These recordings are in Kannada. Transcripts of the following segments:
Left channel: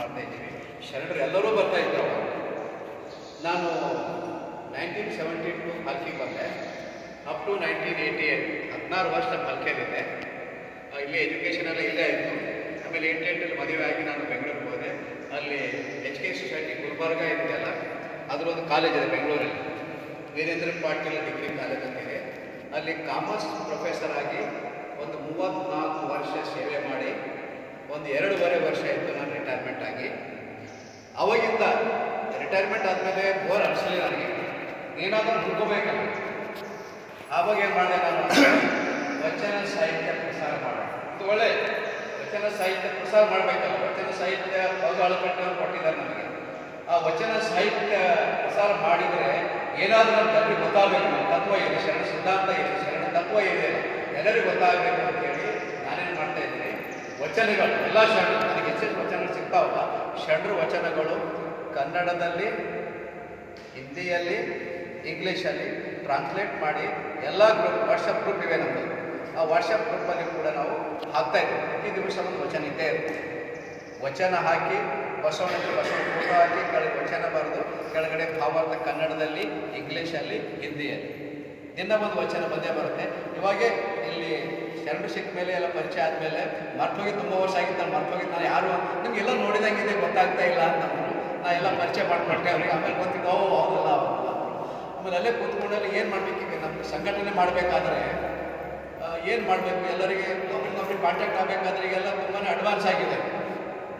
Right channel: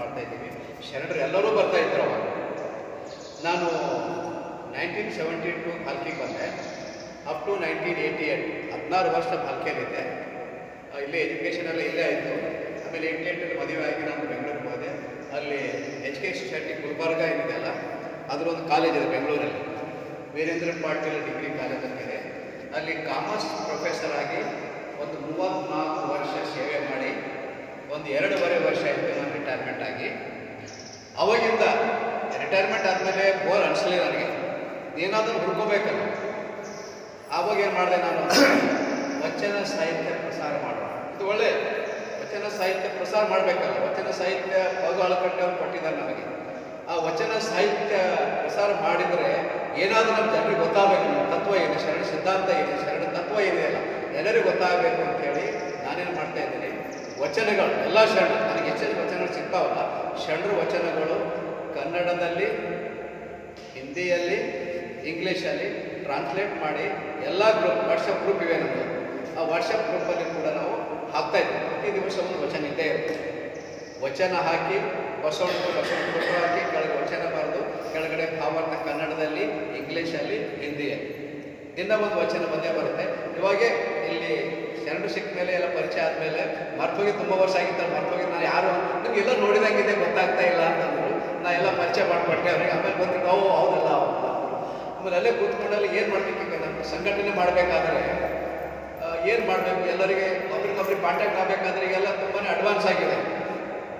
ಮಾಡ್ತಾಯಿದ್ದೀವಿ. ಶರಣರು ಎಲ್ಲರೂ ಬರ್ತಾಯಿದ್ರು ಅವಾಗ. ನಾನು 1972 ಹಲ್ಕಿಗೆ ಬಂದೆ. ಅಪ್ ಟು 1988 16 ವರ್ಷ ಹಲ್ಕೆಯಲ್ಲಿದ್ದೆ. ಇಲ್ಲೇ ಎಜುಕೇಷನೆಲ್ಲ ಇಲ್ಲೇ ಆಯಿತು. ಆಮೇಲೆ 88 ಮದುವೆ ಆಗಿ ನಾನು ಬೆಂಗಳೂರಿಗೆ ಹೋದೆ. ಅಲ್ಲಿ HK ಸೊಸೈಟಿ ಗುಲ್ಬರ್ಗ ಏನಿದೆಯಲ್ಲ ಅದರೊಂದು ಕಾಲೇಜ್ ಇದೆ ಬೆಂಗಳೂರಲ್ಲಿ, ವೀರೇಂದ್ರ ಪಾಟೀಲ್ ಡಿಗ್ರಿ ಕಾಲೇಜ್ ಅಂತಿದೆ. ಅಲ್ಲಿ ಕಾಮರ್ಸ್ ಪ್ರೊಫೆಸರ್ ಆಗಿ ಒಂದು 34 ವರ್ಷ ಸೇವೆ ಮಾಡಿ ಒಂದು 2.5 ವರ್ಷ ಆಯಿತು ನಾನು ರಿಟೈರ್ಮೆಂಟ್ ಆಗಿ. ಅವಾಗಿಂದ ರಿಟೈರ್ಮೆಂಟ್ ಆದಮೇಲೆ ಬೋರ್ ಅನಿಸಲಿಲ್ಲ ನನಗೆ, ಏನಾದರೂ ಹುಡ್ಕೋಬೇಕಲ್ಲ. ಆವಾಗ ಏನು ಮಾಡಿದೆ ನಾನು, ವಚನ ಸಾಹಿತ್ಯ ಪ್ರಸಾರ ಮಾಡೋಣ, ಇದು ಒಳ್ಳೆ ವಚನ ಸಾಹಿತ್ಯ ಪ್ರಸಾರ ಮಾಡಬೇಕಲ್ಲ. ವಚನ ಸಾಹಿತ್ಯ ಹೌದು ಅಳಕಟ್ಟವರು ಕೊಟ್ಟಿದ್ದಾರೆ ನನಗೆ. ಆ ವಚನ ಸಾಹಿತ್ಯ ಪ್ರಸಾರ ಮಾಡಿದರೆ ಏನಾದರೂ ನಮ್ಮ ಜನರಿಗೆ ಗೊತ್ತಾಗಬೇಕು, ನಮ್ಮ ತತ್ವ ಇದೆ, ಶರಣ ಸಿದ್ಧಾಂತ ಇದೆ, ಶರಣ ತತ್ವ ಇದೆ, ಎಲ್ಲರಿಗೂ ಗೊತ್ತಾಗಬೇಕು ಅಂತೇಳಿ ನಾನೇನು ಮಾಡ್ತಾ ಇದ್ದೀನಿ, ವಚನಗಳು ಎಲ್ಲ ಶರಣರು ನನಗೆ ಹೆಚ್ಚೆಚ್ಚು ವಚನಗಳು ಸಿಗ್ತಾವಲ್ಲ, ಶರಣರ ವಚನಗಳು ಕನ್ನಡದಲ್ಲಿ, ಹಿಂದಿಯಲ್ಲಿ, ಇಂಗ್ಲೀಷಲ್ಲಿ ಟ್ರಾನ್ಸ್ಲೇಟ್ ಮಾಡಿ ಎಲ್ಲ ಗ್ರೂಪ್ ವಾಟ್ಸಪ್ ಗ್ರೂಪ್ ಇವೆ ನಮಗೆ. ಆ ವಾಟ್ಸಪ್ ಗ್ರೂಪಲ್ಲಿ ಕೂಡ ನಾವು ಹಾಕ್ತಾಯಿದ್ದೀವಿ. ಪ್ರತಿ ದಿವಸ ಒಂದು ವಚನ ಇದ್ದೇ ಇರುತ್ತೆ. ವಚನ ಹಾಕಿ ಬಸವಣ್ಣ ಗ್ರೂಪ ಹಾಕಿ ಕೆಳಗೆ ವಚನ ಬರೆದು ಕೆಳಗಡೆ ಭಾವಾರ್ಥ ಕನ್ನಡದಲ್ಲಿ, ಇಂಗ್ಲೀಷಲ್ಲಿ, ಹಿಂದಿಯಲ್ಲಿ ದಿನ ಒಂದು ವಚನ ಬಂದೇ ಬರುತ್ತೆ. ಇವಾಗೇ ಇಲ್ಲಿ ಶರಣರು ಸಿಕ್ಕ ಮೇಲೆ ಎಲ್ಲ ಪರಿಚಯ ಆದಮೇಲೆ ಮರ್ತೋಗಿ ತುಂಬ ವರ್ಷ ಆಗಿತ್ತು, ಮರ್ತೋಗಿ ನಾನು ಯಾರು ನಿಮಗೆಲ್ಲ ನೋಡಿದಂಗಿದೆ ಗೊತ್ತಾಗ್ತಾ ಇಲ್ಲ ಅಂತಂದ್ರು. ನಾ ಎಲ್ಲ ಪರಿಚಯ ಮಾಡಿಕೊಟ್ಟೆ ಅವ್ರಿಗೆ. ಆಮೇಲೆ ಗೊತ್ತಿದ್ದು ಹೌದಲ್ಲ ಹೌದಲ್ಲ. ಆಮೇಲೆ ಅಲ್ಲೇ ಕೂತ್ಕೊಂಡಲ್ಲಿ ಏನು ಮಾಡಬೇಕೀಗ ನಮ್ಮ ಸಂಘಟನೆ ಮಾಡಬೇಕಾದ್ರೆ ಏನು ಮಾಡಬೇಕು, ಎಲ್ಲರಿಗೆ ಒಬ್ರಿಗೊಬ್ರಿಗೆ ಕಾಂಟ್ಯಾಕ್ಟ್ ಆಗಬೇಕಾದ್ರೆ ಈಗೆಲ್ಲ ತುಂಬಾ ಅಡ್ವಾನ್ಸ್ ಆಗಿದೆ,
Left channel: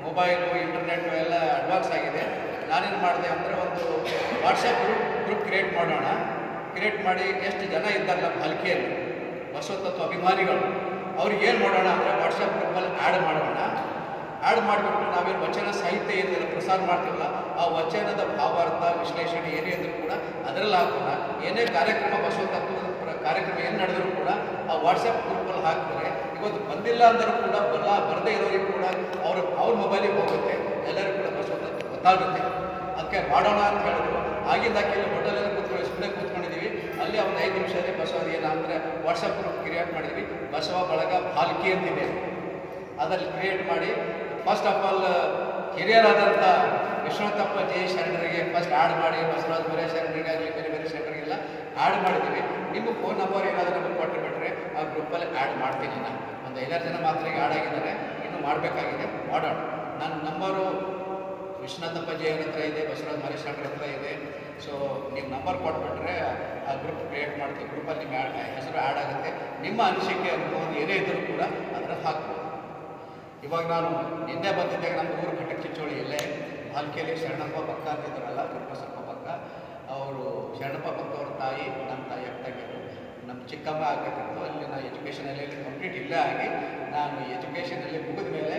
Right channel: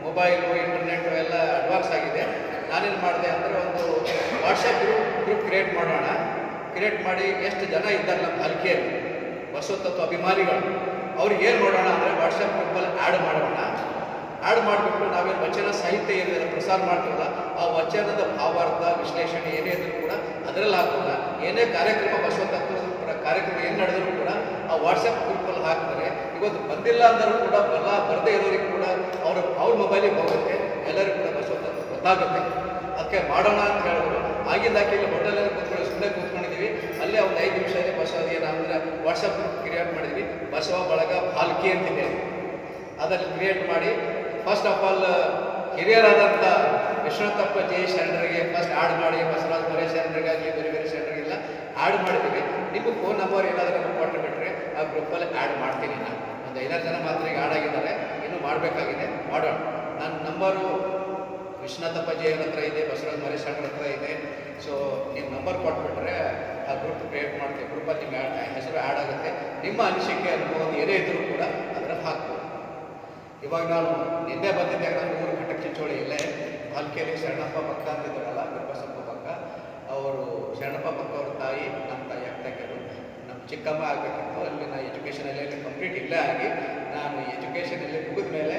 ಮೊಬೈಲು ಇಂಟರ್ನೆಟ್ಟು ಎಲ್ಲ ಅಡ್ವಾನ್ಸ್ ಆಗಿದೆ. ನಾನೇನು ಮಾಡಿದೆ ಅಂದರೆ ಒಂದು ವಾಟ್ಸಪ್ ಗ್ರೂಪ್ ಕ್ರಿಯೇಟ್ ಮಾಡೋಣ. ಕ್ರಿಯೇಟ್ ಮಾಡಿ ಎಷ್ಟು ಜನ ಇದ್ದಾರೆ ನಮ್ಮ ಹಲ್ಕಿಯಲ್ಲಿ ಬಸವತತ್ವ ಅಭಿಮಾನಿಗಳು, ಅವ್ರಿಗೆ ಏನು ಮಾಡೋಣ ಅಂದರೆ ವಾಟ್ಸಪ್ ಗ್ರೂಪಲ್ಲಿ ಆ್ಯಡ್ ಮಾಡೋಣ. ಆ್ಯಡ್ ಮಾಡಿಬಿಟ್ಟು ನಾವೇನು ವಚನ ಸಾಹಿತ್ಯ ಏನಿದೆ ಪ್ರಸಾರ ಮಾಡ್ತೀವಲ್ಲ, ಆ ವಚನದ ಭಾವಾರ್ಥ ವಿಶ್ಲೇಷಣೆ ಏನೇ ಇದ್ರೂ ಕೂಡ ಅದರಲ್ಲಿ ಹಾಕೋಲ್ಲ. ಏನೇ ಕಾರ್ಯಕ್ರಮ ಬಸವತತ್ವದ ಕಾರ್ಯಕ್ರಮ ಏನು ನಡೆದರೂ ಕೂಡ ಆ ವಾಟ್ಸಪ್ ಗ್ರೂಪಲ್ಲಿ ಹಾಕ್ತಾರೆ. ಇವತ್ತು ಬಂದಿಲ್ಲ ಅಂದರೂ ಕೂಡ ಬರದೇ ಇರೋರಿಗೆ ಕೂಡ ಅವ್ರ ಮೊಬೈಲಿಗೆ ಹೋಗುತ್ತೆ, ಎಲ್ಲರಿಗೂ ಕೂಡ ಬಸವತತ್ವ ಗೊತ್ತಾಗುತ್ತೆ. ಅದಕ್ಕೆ ಮಾಡೋಣ ಅಂತ ಹೇಳಿದ್ರು. ಆಗಿಂದಾಕೆ ಹೋಟೆಲಲ್ಲಿ ಕೂತ್ಕೊಂಡು ಸುಮ್ಮನೆ ಕೂತ್ಕೊಂಡಿದ್ದೀವಿ. ಅಲ್ಲಿ ಒಂದು 5 ನಿಮಿಷದಲ್ಲಿ ಬಸವ ಏನಂದರೆ ವಾಟ್ಸಪ್ ಗ್ರೂಪ್ ಕ್ರಿಯೇಟ್ ಮಾಡಿದ್ವಿ, ಬಸವ ಬಳಗ ಭಾಲ್ಕಿ ಅಂತಿದೆ. ಅದರಲ್ಲಿ ಕ್ರಿಯೇಟ್ ಮಾಡಿ ಫಸ್ಟ್ ಆಫ್ ಆಲ್ ಹಿರಿಯರಾದಂಥ ವಿಶ್ವನಾಥಪ್ಪ ಜೈ ಶರಣರಿಗೆ ಫಸ್ಟ್ ಆ್ಯಡ್ ಮಾಡಿ, ಬಸವರಾಜ ಬೇರೆ ಶರಣರಿಗಾಗಲಿ ಬೇರೆ ಬೇರೆ ಶರಣರಿಗೆಲ್ಲ ಆ್ಯಡ್ ಮಾಡಿದ್ದೀವಿ. ನಿಮ್ಮ ಫೋನ್ ನಂಬರ್ ಏನಾದರೂ ನಮಗೆ ಕೊಟ್ಟು ಬಿಟ್ಟರೆ ಆ ಗ್ರೂಪಲ್ಲಿ ಆ್ಯಡ್ ಮಾಡ್ತೀನಿ. ನಾನು ಒಂದು 5-6 ಜನ ಮಾತ್ರ ಈಗ ಆ್ಯಡ್ ಆಗಿದ್ದಾರೆ, ಇನ್ನೂ ಮಾಡಬೇಕಾಗಿದೆ, ಮಾಡೋಣ. ನನ್ನ ನಂಬರು ವಿಶ್ವನಾಥಪ್ಪ ಜೈಯರ ಹತ್ರ ಇದೆ, ಬಸವರಾಜ ಮರಿ ಶರಣರ ಹತ್ರ ಇದೆ. ಸೊ ನೀವು ನಂಬರ್ ಕೊಟ್ಬಿಟ್ರೆ ಆ ಗ್ರೂಪ್ ಕ್ರಿಯೇಟ್ ಮಾಡ್ತೀವಿ. ಗ್ರೂಪಲ್ಲಿ ನಿಮ್ಮ ಹೆಸರು ಆ್ಯಡ್ ಆಗುತ್ತೆ. ನಿಮ್ಮ ಅನಿಸಿಕೆ ಅನುಭವ ಏನೇ ಇದ್ದರೂ ಕೂಡ ಅದರ ಹಾಕ್ಬೋದು. ಇವಾಗ ನಾನು ನಿನ್ನೆ ಬಂದಿದ್ದಾಗ ನಮ್ಮ ಊರು ಘಟಕ ಚಿಂಚೋಳಿ ಇಲ್ಲೇ ಹಲ್ಕೆಯಲ್ಲಿ ಶರಣಪ್ಪ ಪಕ್ಕ ಅಂತಿದ್ದಾರಲ್ಲ, ಗುರುಬಸಪ್ಪ ಪಕ್ಕ, ಅವರು ಶರಣಪ್ಪ ಪಕ್ಕ ಅವ್ರ ತಾಯಿ ನಮ್ಮ ತಾಯಿ ಆಗ್ತಾಯಿದ್ದರು. ನಮ್ಮ ಚಿಕ್ಕಮ್ಮ ಆಗಬೇಕಿತ್ತು. ಅಲ್ಲಿ ನಾನು ಎಜುಕೇಷನಲ್ಲಿ ಕಂಪ್ಲೀಟ್ ಇಲ್ಲೇ ಆಗಿ ನಾನು ಎಜುಕೇಷನಲ್ಲಿ ಮುಗಿದ ಮೇಲೆ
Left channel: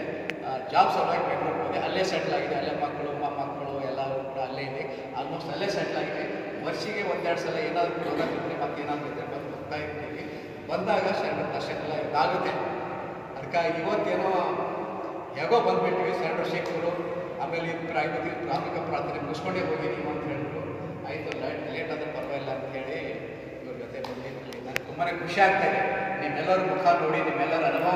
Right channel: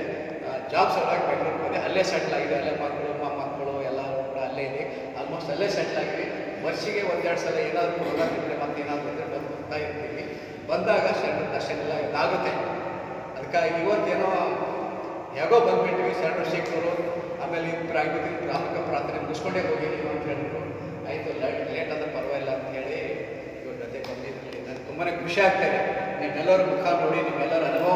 ಜಾಬ್ ಸಲುವಾಗಿ ಬೆಂಗಳೂರಿಗೆ ಹೋದೆ. ಅಲ್ಲೇ ಸೆಟ್ಲ್ ಆಗಿದೆ. ಅಲ್ಲೇ ಮಕ್ಕಳು ಮೊಮ್ಮಕ್ಕಳು ಎಲ್ಲರೂ ಕೂಡ ಅಲ್ಲೇ ಇದೆ. ಆಲ್ಮೋಸ್ಟ್ ಅಲ್ಲೇ ಸೆಟ್ಲ್ ಆಗಿ ವರ್ಷಿಗೆ 1-2 ಸಲ ಏನಾದರೂ ಹೋಗಿದ್ರೆ ಮತ್ತೆ ಏನಾದರೂ ಇದ್ದರೆ ಬಂದು ಹೋಗ್ತಾ ಇರ್ತೀವಿ. ಬಂದಾಗ ಶರಣರ ದರ್ಶನ ಎಲ್ಲ ಇದಾಗುತ್ತೆ. ಅದಕ್ಕಾಗಿ ಇವತ್ತೇನೋ ಹೇಗೋ ಬಂದುಬಿಟ್ವಿ. ಶರಣರು ಸಿಕ್ಕರು, ಆಮೇಲೆ ಗ್ರಾಮಿಕ ಪ್ರಾರ್ಥನೆ ಮುಗಿಸ್ಕೊಂಡೇ ಹೋಗಿದ್ದೀವಿ ಅಂತ ಹೇಳಿದ್ರು. ಆಯಿತು, ಲೇಟ್ ಆದರೂ ಪರವಾಗಿಲ್ಲ ಅಂತ ಹೇಳಿ ಇವ್ರ ಜೊತೆ ಬಂದಿದ್ವಿ. ನನಗೆ ತುಂಬಾ ಖುಷಿ ಆಗ್ತಾಯಿದೆ. ನಿಮ್ಮೆಲ್ಲರ ಮುಖ ನೋಡಿ, ನಿಮ್ಮೆಲ್ಲರ ಅನುಭವ